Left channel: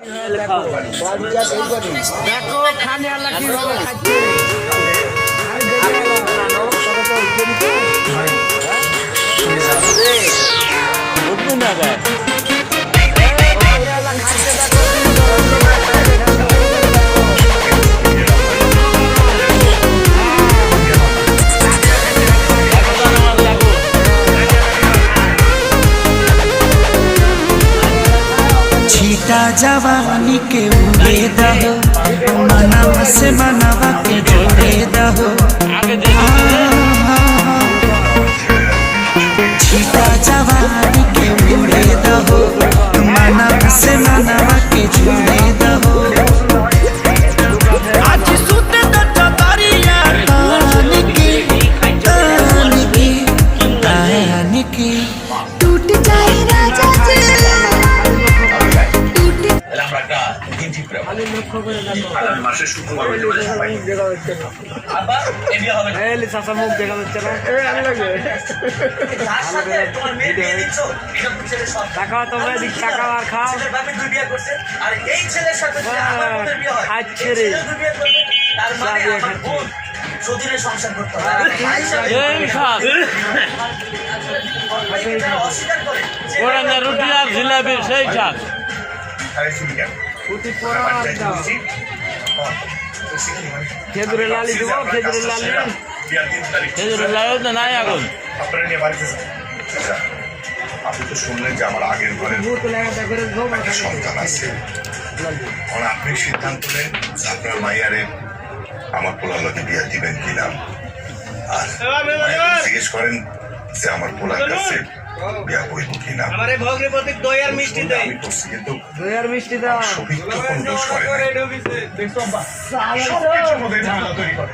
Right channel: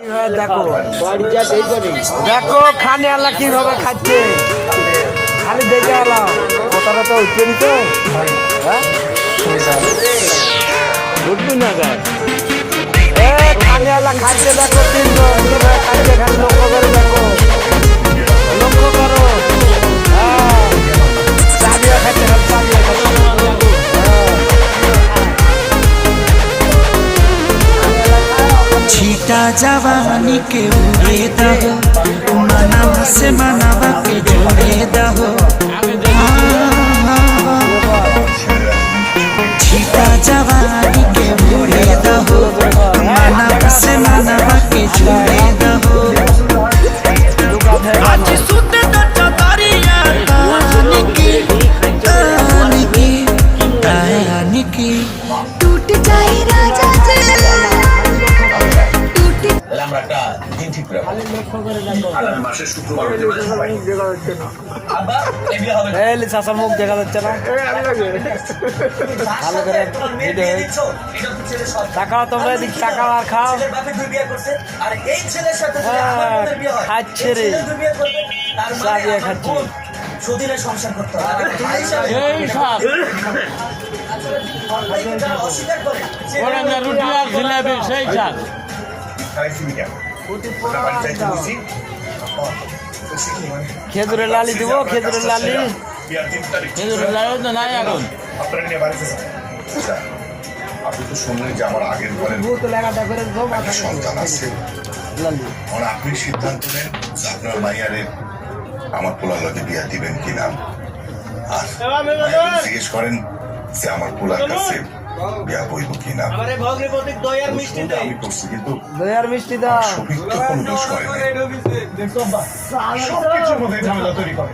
দেখো দেখো খানে আল্লাহ কিভাবে খাচ্ছে খালি দেখে আল্লাহ কথাটা তো উঠছে খানে আল্লাহ খাচ্ছে দেখো छीटा जवानी के उड़े दहो मनावा से मनावा के जोड़े दहो छीटा जवानी के उड़े दहो मनावा से मनावा के जोड़े दहो आज सुते तो चतरिया तान की टूट जाए राजा जी আমরা একটা দিন ঠিক করে আগামী মাসের শুক্রবার আবার এদিকে হবে চাষা মুখ দেখা যাচ্ছে না টাকা তোমরা এদিক টাকা আর খাও আর এই ছেলের সাথে আমার বোনের বিয়ে হয় খাচ্ছে রে ছেলে বিয়ে করবে তার মানে আমার বোন সুধীরে সংসার করতে হবে আর ভাই সাহেব যারা অস্বীকার করে রুটি আর জিলাপি সেই খাস খেজুরের লালি দিব খেজুরের লালি নাই এখন আপনারা নিয়ে বাড়িতে যান আপনি তো শুনলেন যে আমার আগের ঘরের একটা সন্তান আছে এখন আপনি সিদ্ধান্ত নেন আপনার মাইয়ারে আমার পোলার লগে বিয়া দিবেন কিনা আর জিজ্ঞেস করেন যে আমার পোলার কাছে বিয়া বইব কিনা আমি করছি কিন্তু দই আর মিষ্টি দাও সবিক তো কোনো দোষ করে না সবকিছুর মধ্যে ঝামেলা তৈরি করে